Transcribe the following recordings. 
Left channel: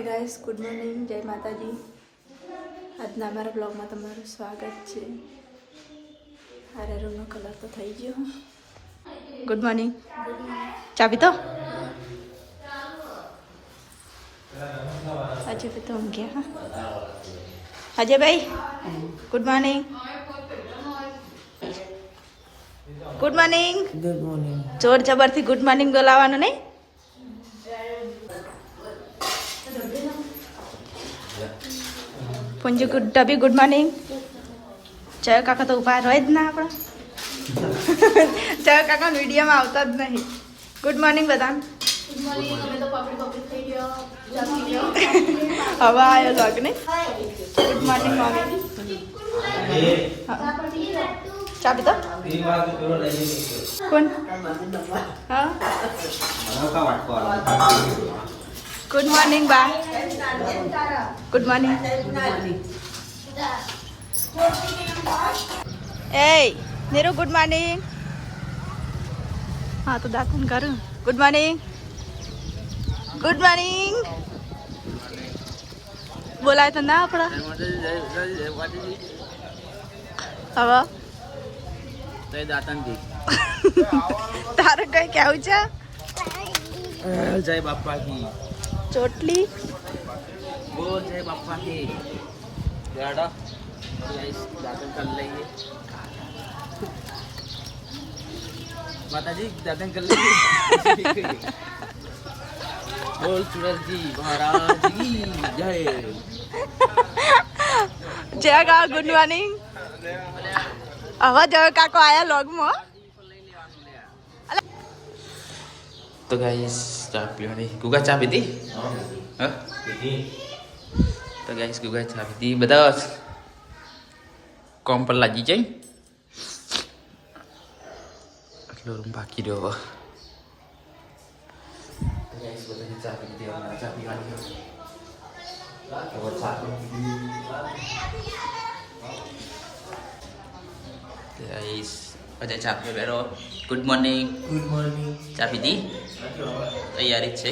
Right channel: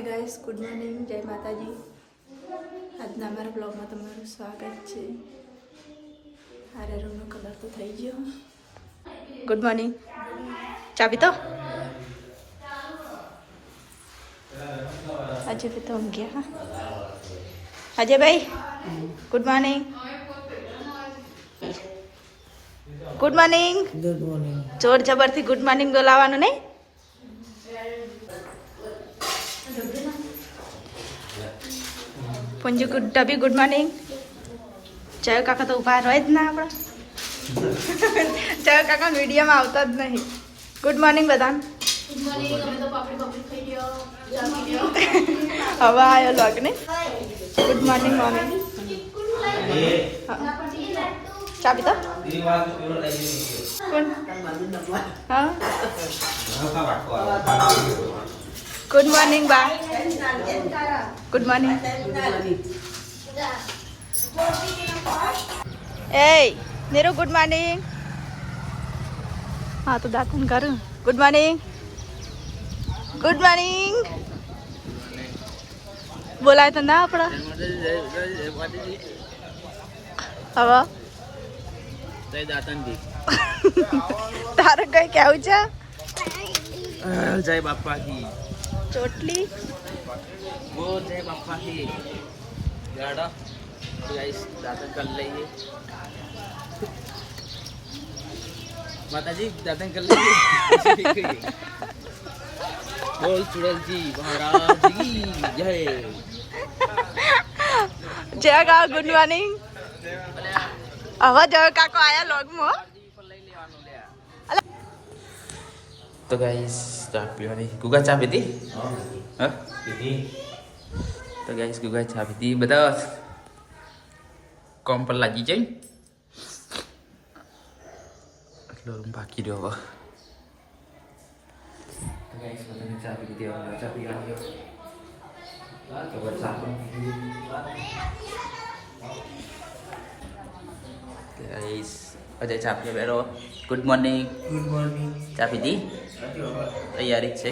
Hi guys, good morning, જય માતાજી. આજના અમારા બ્લોગમાં તમારું સ્વાગત છે. હારે રૂમનો કલર તો થઈ ગયો. Good morning. ચા પીતો? આજે भी तो हम गया. अजय भाई, good morning. Good morning. Good morning. જોર જબરથી ગુડ મોર્નિંગ બોલાવવાનું નહીં. પુંજી ડબી ગુડ મોર્નિંગ. જય કાકા તો ઉભા રહે જ ના આપણા. જય કાકા વિડીયોમાં આવતા જ નહીં. ગુડ મોર્નિંગ બધાને. હવે આવ્યો લોગ ને. Good morning morning. ચા પીતો? કોણ? હા. ગુડ મોર્નિંગ બા. Good morning. એ નીરુ ગુડ મોર્નિંગ. હા તો દાંતન કરું. Good morning. Good morning. બોલાય તો ના આપડા હવે દાતનજી તારે કઈ કેવું છે? જય બાપા કી ચોટલી બોલ. જય બાપા કી ગાડા ગાઈસ દાતન कर लेंगे माताजी दातन कर लेंगे. बोल चुड़ैल जी महाराज की जय. જય કા ગુડ મોર્નિંગ. હવે જય કાકો આયા લોગમાં. तो गाइस चा पीवानी गुगा चा पीती हाँ तो गाइस गुगा चा पीती બધા કોમ પર લાગી જાય એટલો રૂમ બાકી રહ્યો. તો ગાઈસ બધાને ચા પી દીધી. ચા પીવાની ગાઈસ અજય ચા પીવા બેઠો. Good morning. Good morning. ચા પીધી? તૈયારી જ છે.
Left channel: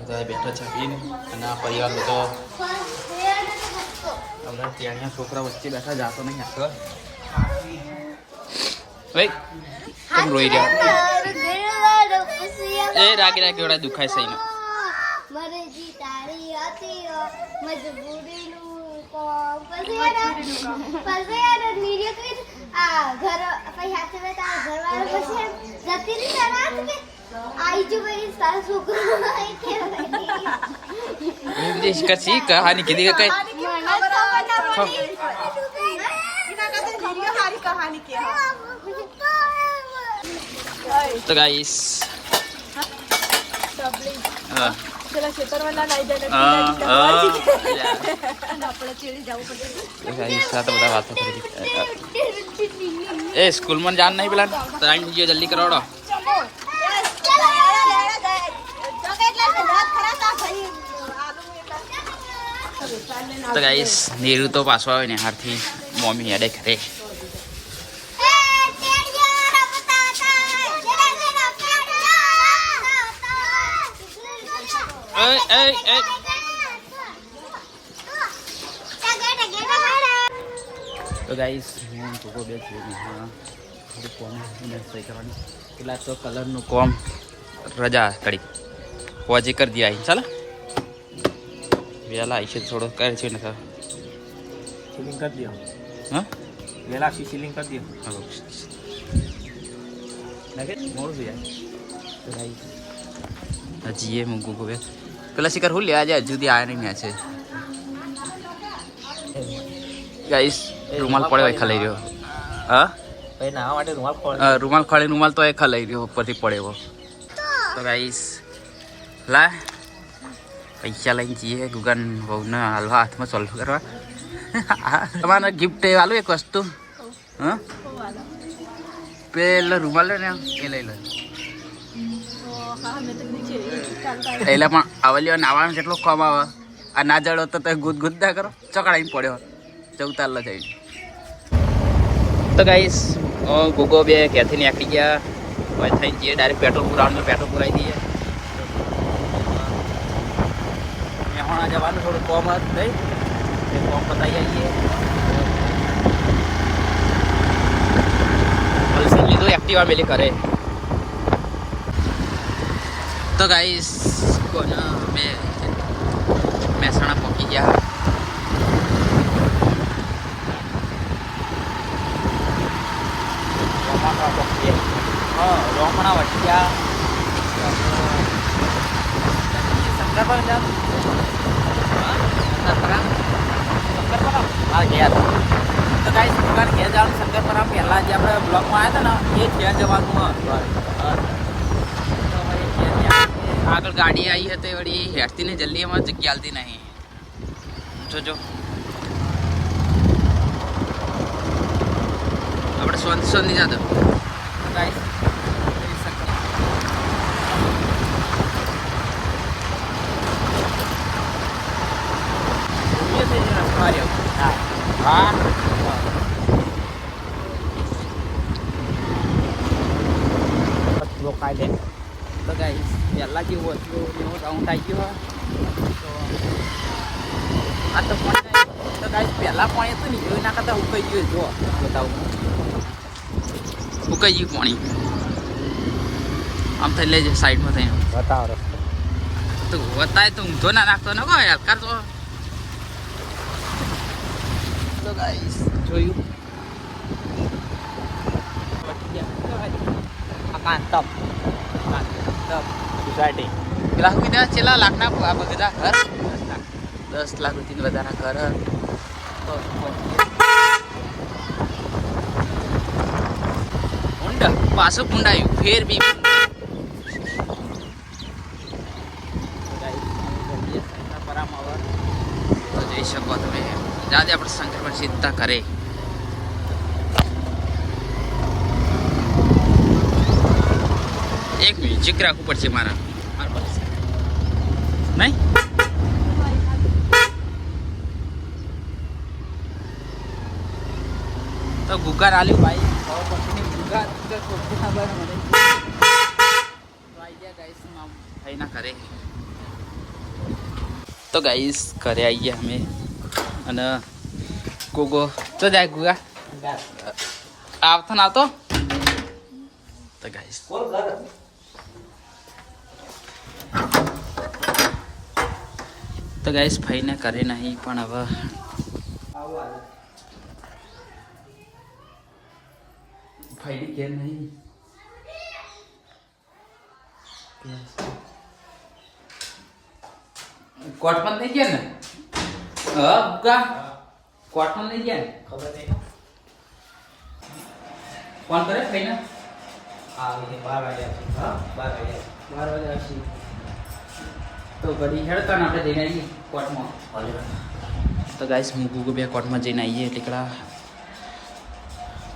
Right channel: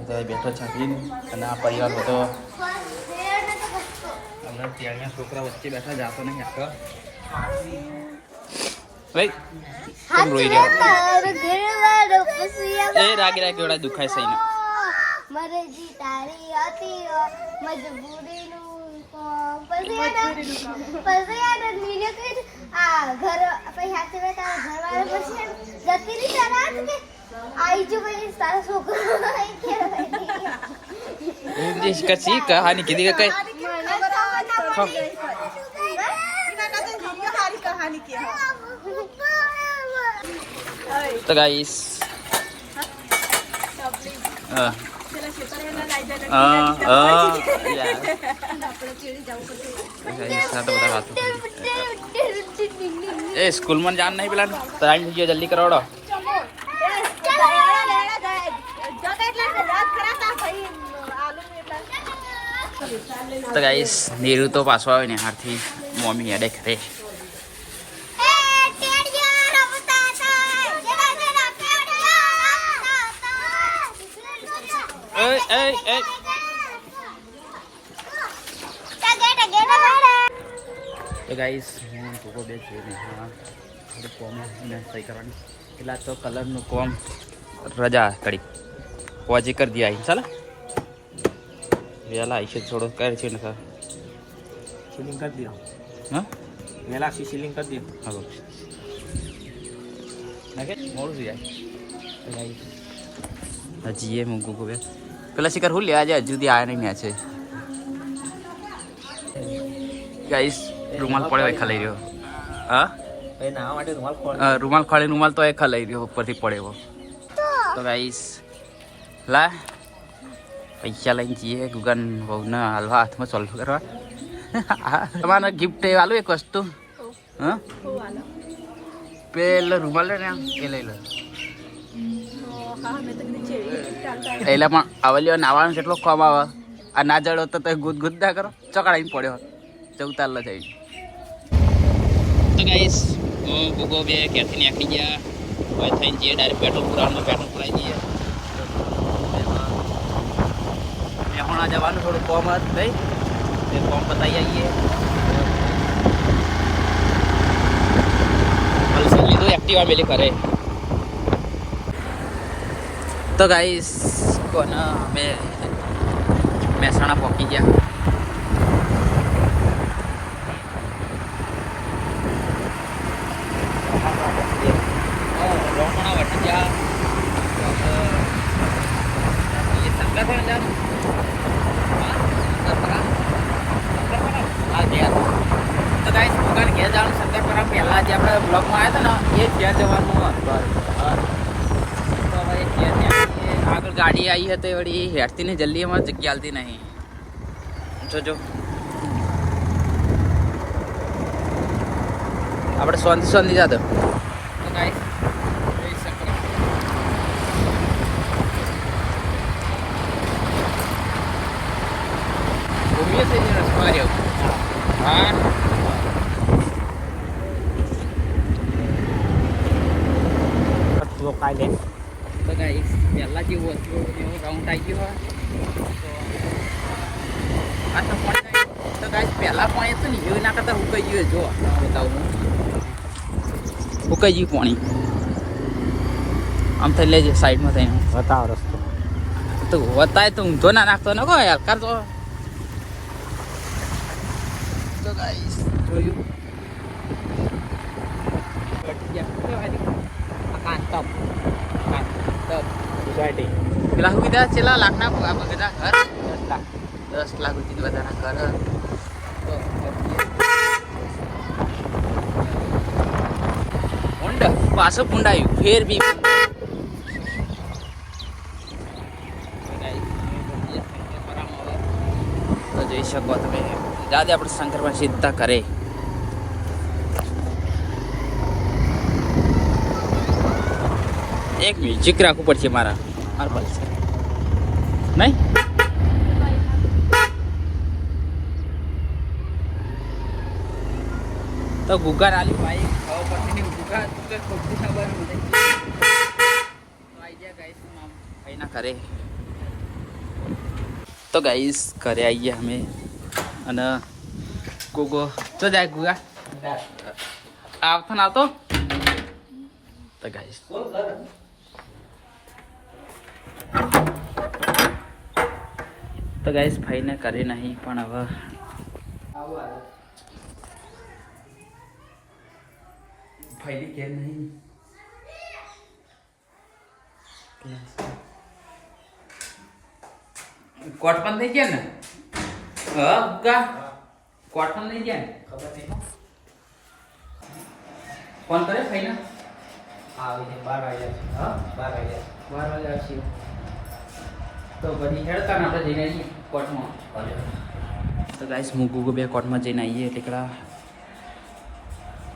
બધા બેઠો ચા પીને અને આ પરિવાર બધો આપણા ત્યાંના છોકરા વચ્ચે બેઠા જાતો નહીં આખો. ભાઈ કેમ રોઈ રહ્યા? એ રાગી રાગી વડા દુખાય છે. कहानी की कहीं तो गाइस બધા વાતો કરી. એ સ્કૂલમાં જાન નહીં પેલા ટાઈમ થઈ ગયો, જલ્દી કરાવડો. તો ગાઈસ નીરુ તો પાછો આવે ને હારથી મમ્મી હેડે ખરે. તો ગાઈસ હું ભૂકો બે છું ને હા થોડું કોમ એને સહી કરવાની કેટલા તો કલરનું કોમ રજા કડી હોજી કરી દે. આવી ચાલો વેલા આવીશે થોડો કરે છે ને સીલિંગ કરી દો. હા વેલા સીલિંગ કરી દો. હા નાખે મોડું થઈ જાય. તો ગાઈસ હજી એ મૂકું બે પેલા શિકાર હું લેવા જાય જુદી આ નહીં છે. ગાઈસ રૂમાલ પડે હોય ખલાઈ રહ્યો. હા રૂમાલ ખોળે રૂમાલ તો એ ખલાઈ રહ્યો ઉપરથી પડે એવો. તો ગાઈસ લા પૈસા લઈને જઈએ ગુગન બહુને હાલવા હાથમાં સોલ્વ કરવા. તમારે ગિફ્ટ આલું એક વસ્તુ. હા પેલો રૂમાલ લે ને એ લઈ લો. એટલે પણ આવલ્યો નાવાનું કેટલો કોમ આવે. આ ના જડો તો ગુદ ગુદ ના કરો ચકડાઈને પડ્યો ચૌતાર જઈને. તો ગાઈસ ગુગો બે ક્યાંથી નીકળી ગયા હોય થઈ જઈએ ડાયરેક્ટ પેટ્રોલ પુરાવાનું. પેટ્રોલ પુરાવી દઈએ પણ જવાનું થોડું કોમ હતું નહીં એ કોમ પતાવી આવીએ હોલસેલ લીધું એક્ટિવા મેલી કરે તો ગાઈસ કોને અમે મહેસાણા પહોંચી ગયા રોકણા વટિયા શંકરપરા હા ગયા તો ગાઈસ દુકાન ઘેર જવાનું શંકરપરા પહેલાં જે આપણે બ્લોકમાં આવ્યા હતા ને એ ઘેર જવાનું આગળ ગાડી આવી હતી વળી હેઠતી ને જલ્દી અમારે જગ્યા હાલતી નહીં જોજો આપણે સોંધી જાતો તો ગાઈસ હા તો ગાઈસ પહેલાં જેવું હતું એવો રાઉન્ડ આવી ગયો હોય તો આ તો પાણી તો ગાઈસ પહેલાં પાણી હતું ને એવું ના કરતા હુકાઈ ગયું જો હુકાઈ ગયું પાણી આમ થઈ લેજે સાઈડમાં થઈને તો વતાય તો ઊંધો ના નાખતો ને કોઈ યાર કરતો તો ગાઈસ જોયું પેલા હું કીધા છેલ્લા લાખના બધા ઘર 10 લાખ સુધી બધાના ઘર હોન્ડા પાછું પુંડાયું ફેર બી તો જોઈ શકો તમે જાતે આપણે શંકરપરા સીધા કરે એક મ્યુઝિક રાખવું પડશે મારા બસ નહીં તો ગુગાર આલી ભાઈ ખબર પડશે નહીં ગુગાર સબ્જી ખબર મને તો આવી ગયા ગાઈસ ભાઈ ના કરે તો ગાઈસ ઘરે આવી ગયા અમે અને ગોગો તો જાય ગુગા આવતો ના આવતો તો ગાઈસ તો ગાઈસ ભાઈને કરે નહીં પણ હવે ભાઈ કે નહીં કોટ પણ નહીં ગયા ને હા ગા કોટ પણ નહીં ગયા ને ફોન કરે ભાઈને હા 12 વાગ્યા હા 12 વાગ્યા આવશે તો ઘડી હેડતા ને આપણે જઈને આવીએ કોર્ટમાં તો ગાઈસ હું ગુગુ બે કોર્ટમાં જઈને આવીએ એટલે કડા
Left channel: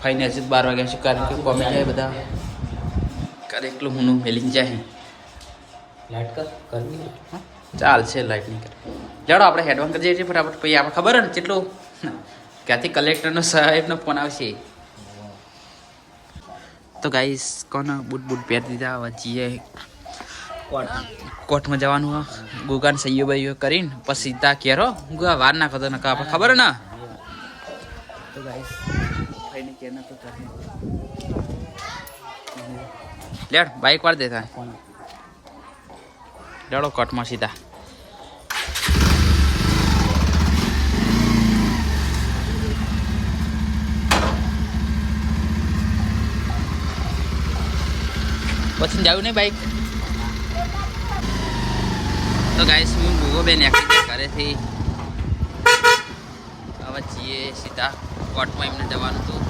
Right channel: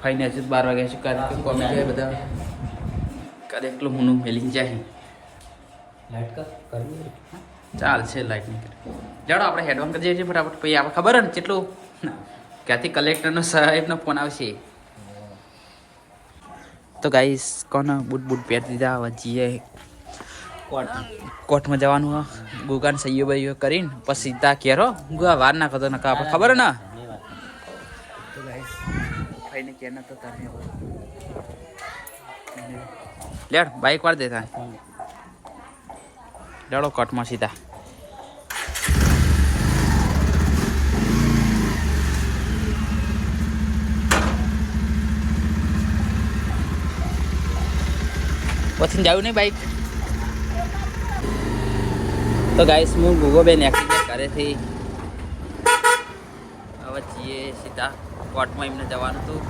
ફાઈને હજી 12 વાગ્યા છે કારણ કે કોમી જાય બધા કરે એકલું હું મેલિંગ જાય લાઈટ કરવી ચાલશે લાઈટ નહીં કરે જાડો આપણે હેડવાન કરી જઈએ છીએ ફટાફટ પછી આપણે ખબર ને કેટલું ક્યાંથી કલેક્ટરનો સાહેબનો ફોન આવશે તો ગાઈસ કોને બૂટ પહેરી દીધા હવે જઈએ કોર્ટમાં જવાનું હા ગુગાને સહીઓ બહીઓ કરીને પછી સીધા કેરો ગુગા વાર ના કરતો નકા આપણે ખબર ને તો ગાઈસ ભાઈને કે ના તો તારે લેડ બાઈક વાર દેતા લેડો કોર્ટમાં સીધા પછી જાવું નહીં બાઈક તો ગાઈસ હું ગુગો બેન એક્ટિંગ કરે છે હવે જઈએ સીધા કોર્ટમાં એમને જવાનું હતું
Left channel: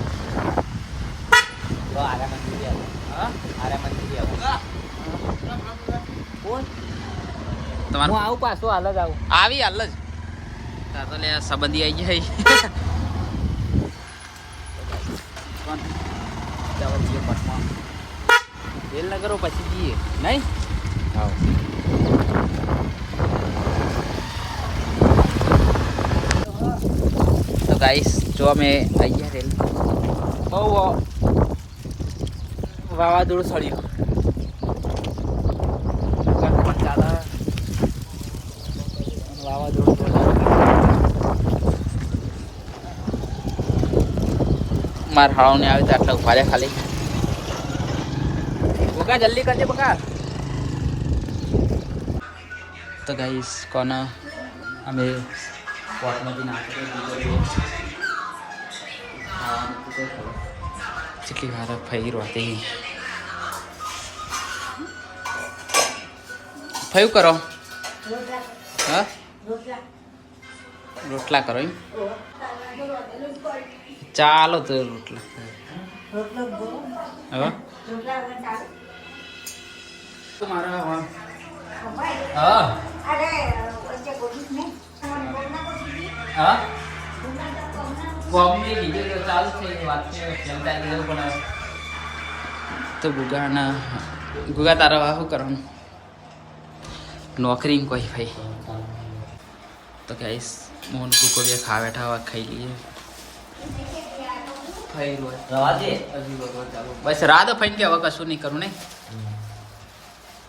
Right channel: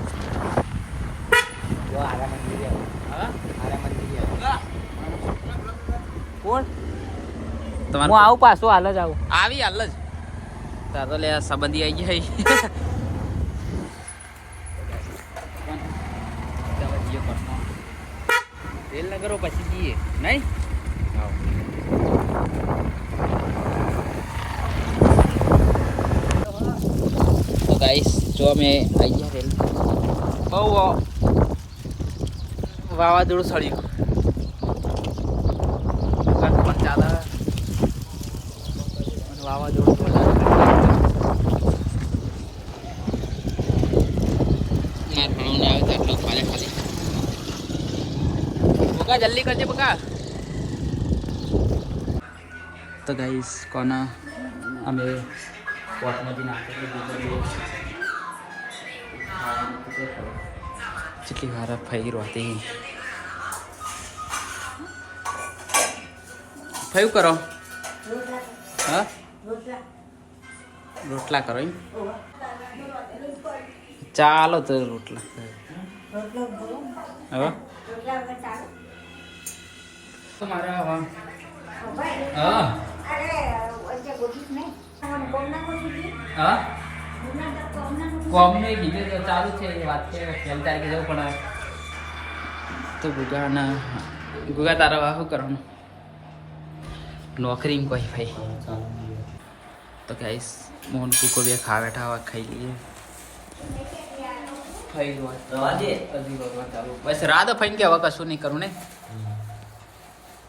તમારું આવું પાછું હાલ જ આવું આવી હાલ જ તાર તો લે સંબંધી આવી જાય જઈએ કોર્ટમાં રેલ ના કરો પછી જઈએ નહીં તો ગાઈસ જો અમે અહીંયા રેલ બહુ વાવાઝોડું સળ્યું પણ ચાલે મારા હાળો ને આવે તો આટલા ઉભા રહ્યા ખાલી. બકા જલ્દી કરજે બકા. તો ગાઈસ કોના અમે પોટમાંથી નાખી જેટલી વાર ફઈ રોતી ફયું કરો. હા રોટલા કરો એમ. ચાલો તો રોટલા હવે મારા હા હા કોમી કીધું તો ચાલુ છે વાત છે ખેલતા આવી જવું પણ તો ગુગા તારા શું કરવાનું નોકરી કોઈ ભાઈ. તો ગાઈસ મોહન કુકો બે ખા બેઠા હોય ખાઈ લઈએ. બસ રાત ફાઈન કે હવે કશું નહીં કરું ને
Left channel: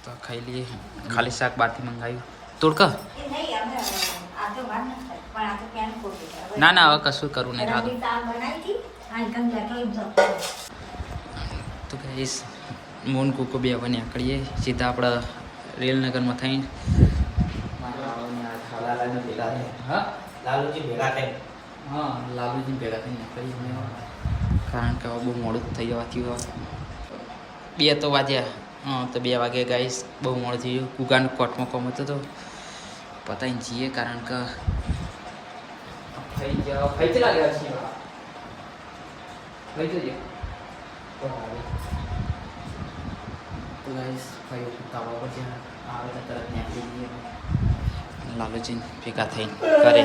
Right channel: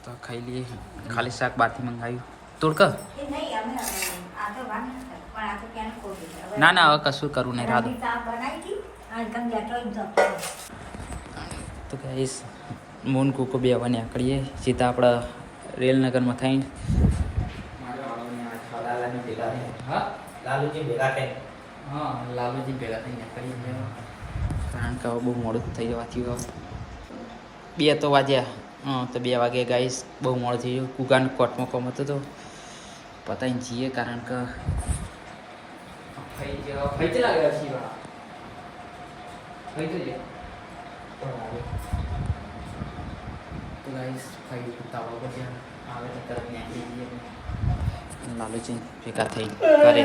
તો ખાઈ લઈએ. ખાલી શાક બહારથી મંગાવ્યું તોડક. ના ના હવે કશું કરું નહીં રાત. તો ગાઈસ મોહન કુકો બે હવે નીકળીએ સીધા આપણા રેલનગરમાં થઈને. હા લાલુજી ભેગા થઈને નીકળીએ અમે કારણ કે બહુ મોડું થઈ જવાથી 2 તો વાગ્યા. તો 2 વાગે ગાઈસ બહુ મોડું થઈ ગયું. કુગાન કોર્ટમાં કોમ હતો તો પતાવીને જઈએ કારણ કે લાલુજી ભેગા થઈ કરે.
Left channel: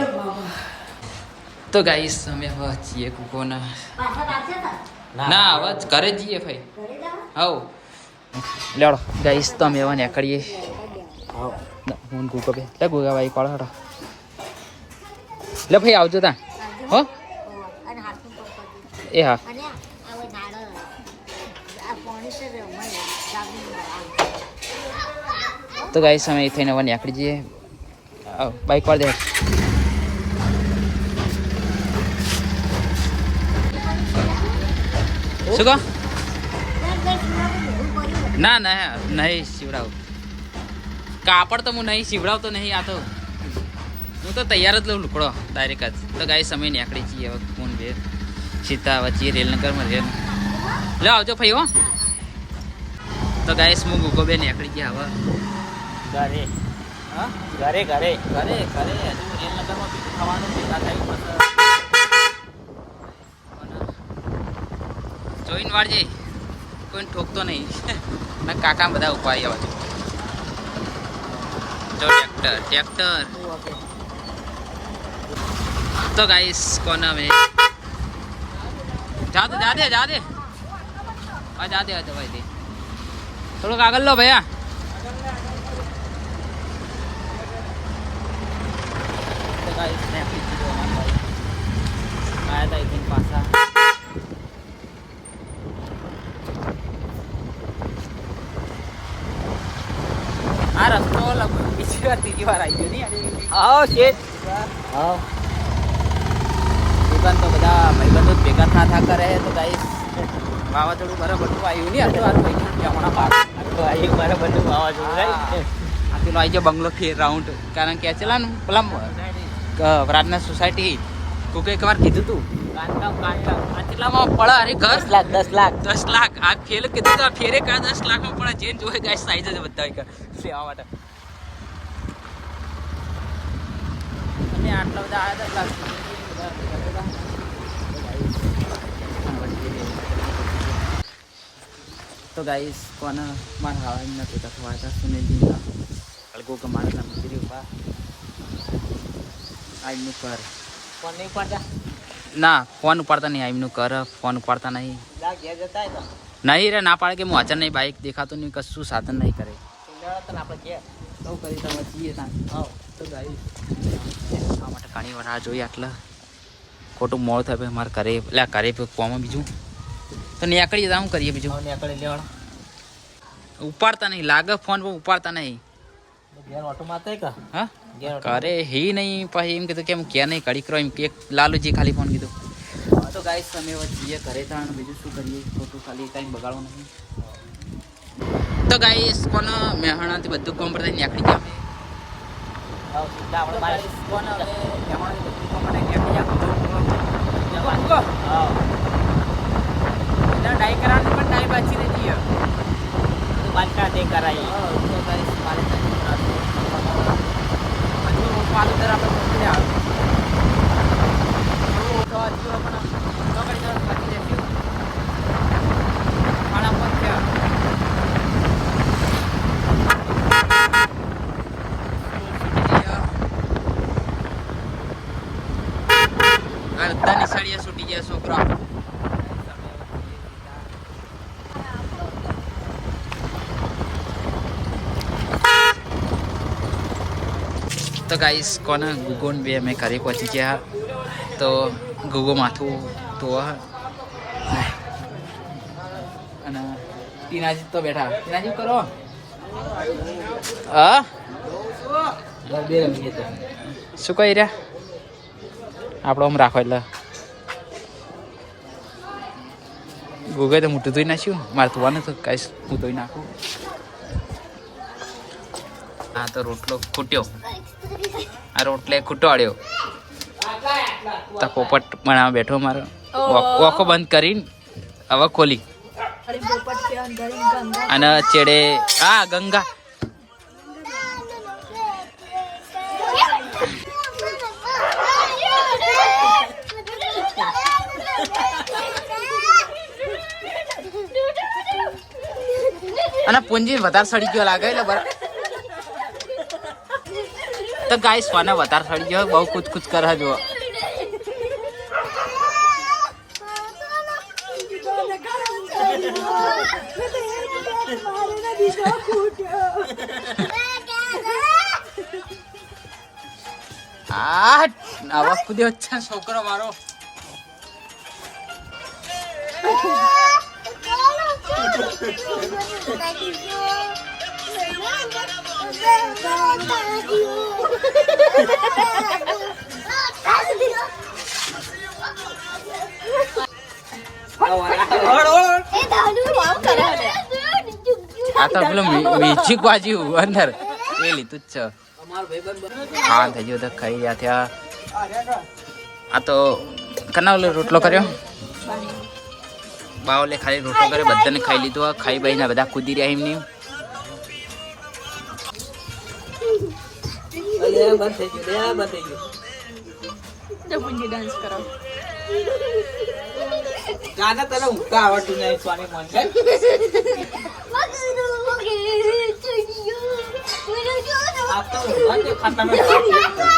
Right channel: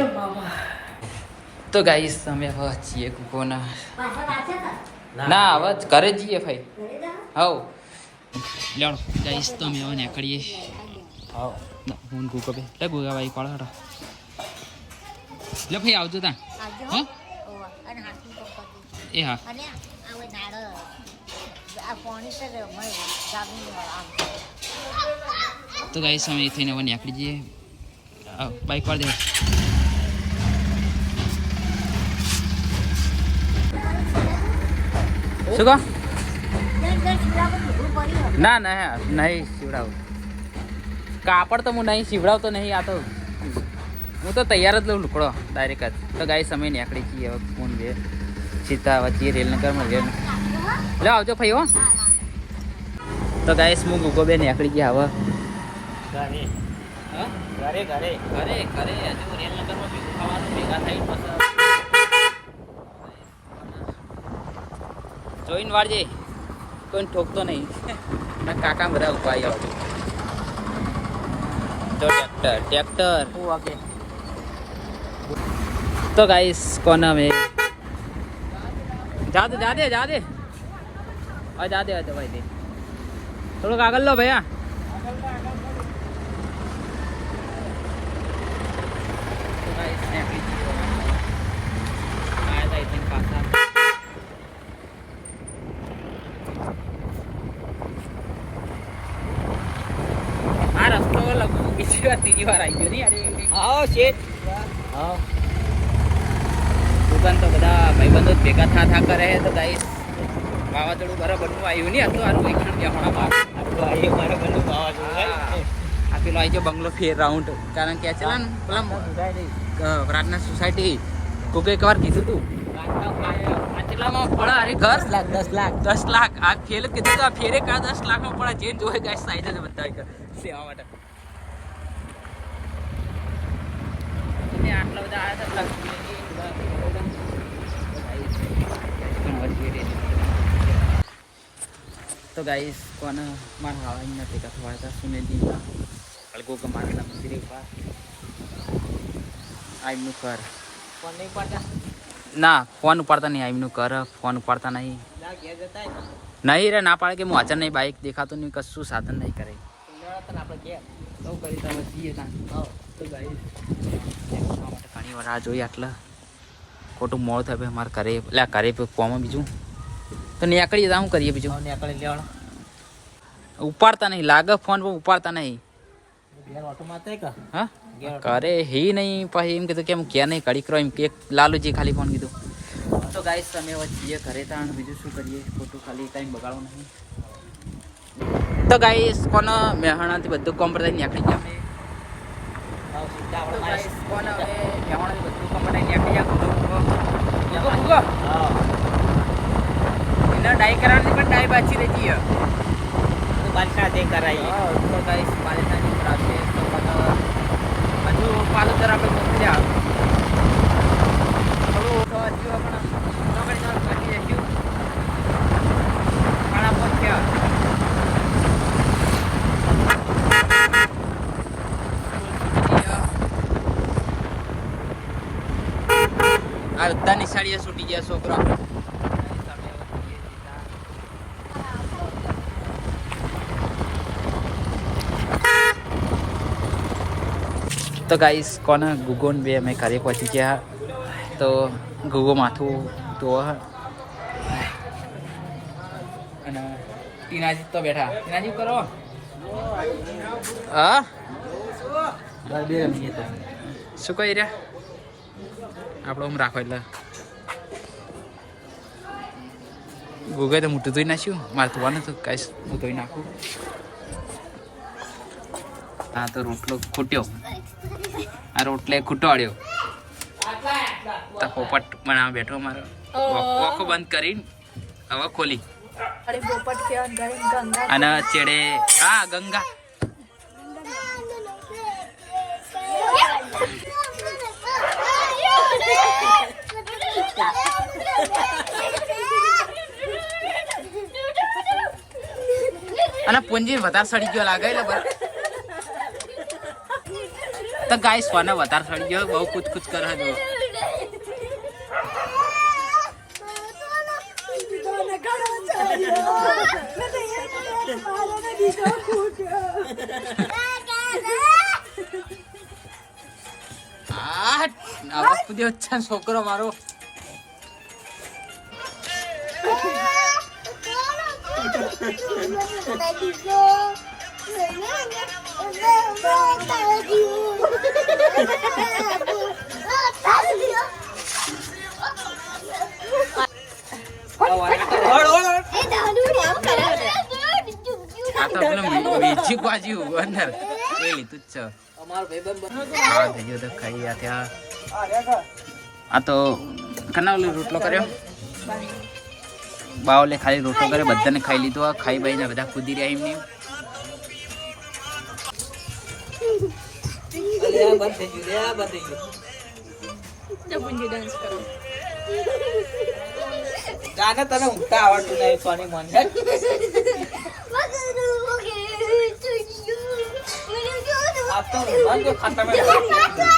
તો ગાઈસ અમે હવે છીએ કુકોના ના હવે ઘરે જઈએ ભાઈ. હવ લેડો ગાઈસ તો અમે હવે નીકળીએ. હું કુકો બે લે ગુગા ભાઈ પાડો હટા લે ભાઈ આવજો તા હો એ હા. તો ગાઈસ અમે ખાઈને હવે નીકળી જઈએ. બાઈક પર દે શું કહો. ના ના નહીં સીવડાવું કાપડ તો હું નહીં સીવડાવતો નહીં. આ તો હું તો તૈયાર જ લઉં લુકડો ડાયરેક્ટ જ. તો ગાઈસ અમે નીકળી છીએ હવે કોણ બે સીધા વચ્ચે રેલનગરમાં રેલ લે આવજો ભાઈ હો. તો ગાઈસ હું ગુગો બે નીકળી ગયા હવે ઘરે ઘરે ઘરે ઘરે હજુ રેલનગરમાં ભેગું થવાનું ભેગા થઈ જોઈને વાળજે કોઈને ઠોકતો નહીં. મેં કાકા બધા ઉભા આવ્યા છું. જો ટ્રેક્ટર તો ગાઈસ કોના મેં જા દે જા દે ભાઈ દે થોડુંક આગળ લો ભૈયા. તો ગાઈસ આયા હતા ઇતન પાછા આ રસ્તો બીજી વાર આવી ગયો નહીં. આવો શેઠ દુકાન તો બધા ભાઈબંધો ભેગા થા કરે. તો ગાઈસ વાવાઝોડું બરાબર આવ્યું નહીં. તો આનું ભાઈ આ પેલો આવી ગયો બંગલો ફેર રાઉન્ડ કારણ કે ચલા ને પેલા પ્રાર્થના સોસાયટી કોકે એક વાર કીધું તું કેટલામાં પડે અરે ઘર 10 લાખ આ ફેર કીધું તો ફેરે કા 10 લાખમાં પડે. જે જોઈ ગાઈસ સાઈઝ જ બધા લેવા માટે અને આટલા બધા આવ્યા હતા. તો ગાઈસ કોને મારા હાવાના ભેગા થવા હતા સુનેલજીના અલગો કમાડેલા મંદિરે ઉભા આઈમનું ઘર ના ફોન ઉપાડતા નહીં. આઈમનું ઘર ફોન ઉપાડતા નહીં નહીં રે ના પાડે કે હું હાજર નહીં. બાઇક દેખાતું નહીં કશું સાધન નહીં કરે તો કરી તમે જઈએ ત્યાં. તો ગાઈસ ખાવા માટે ઘણી વાર આ જોઈએ આટલા ખોટું મોડું થાય ભાઈ અમારે ઘરે એટલે ઘરે કોમ બીજું તો નીકળીએ શું કરીએ બીજું નીકળી લેવાના ઉપાડતા નહીં લાગે ફોન પણ ઉપાડતા નહીં. હા કરે હી નહીં પછી એમ કીધું કે એમ ક્યાં નહીં કડી કરો એમ કે લાલુજી ખાલી ફોન કીધું તો ગાઈસ તમે હવે જઈએ ઘરે તાણ બીજું શું કરીએ ખોટું ખાલી ટાઈમ બગાડવો નહીં તો ગાઈસ કોનો મહેણાથી બધું કોમ પર થઈને નીકળી ગયા ડાઈ કરાવવાની પણ ડાઈ બાજી નથી તો બાલકા દે કરાય તો ગાઈસ મારે પાનતર આપણે મોકલ્યા તો આટલો પણ તો કરી દો પાણી લેજો ખાના મોકલ્યા આ બધાની સાડીઓ છૂટી ગયા છોકરા તો ગાઈસ કોના ગુગોન બે અમે ઘરે પહોંચી ગયા તો ગુગો માથું તો અને ટીનાજી તો બેઠા ટીનાજી કરો હા બે રમીએ તો શું કહી રહ્યા આપણો આમ રાખો એટલે ગુગે તો મોટું ધોઈ નાખ્યું મારે ધોવાનું તો કાંઈ હું ધોઈ નાખું હા તો રોટલો ખૂટ્યો આ રોટલે ખૂટવાડ્યો તો પોપટ બનાવવા બેઠો મારો ઓખો બંધ કરીને હવે ખોલી અને ચેડે હા ગંગા અને પુંજી વધારે સડી ગયો લાગે એટલે બરાબર તો ગાઈસ કોને વધારે સડી ગયો બહુ કુછ કુછ કરે જો આવા કુદ્યો છે છોકરો મારો આ તો પેલું મીઠી બાજુ અંદર એ લીધું જ છે હા થઈ ગયો તો ખાઈ ગયા ત્યાં આ તો કના ઓલો રોટલો કર્યો બાવલે ખાલી રોટલો કરે બધાને ખાઈ લીધું ખાઈ બાઈને બધા કૂદી રહ્યા એમની ગાના તને ઊંઘતા આવડતું નહીં સોની મોન આપ તો ખાતા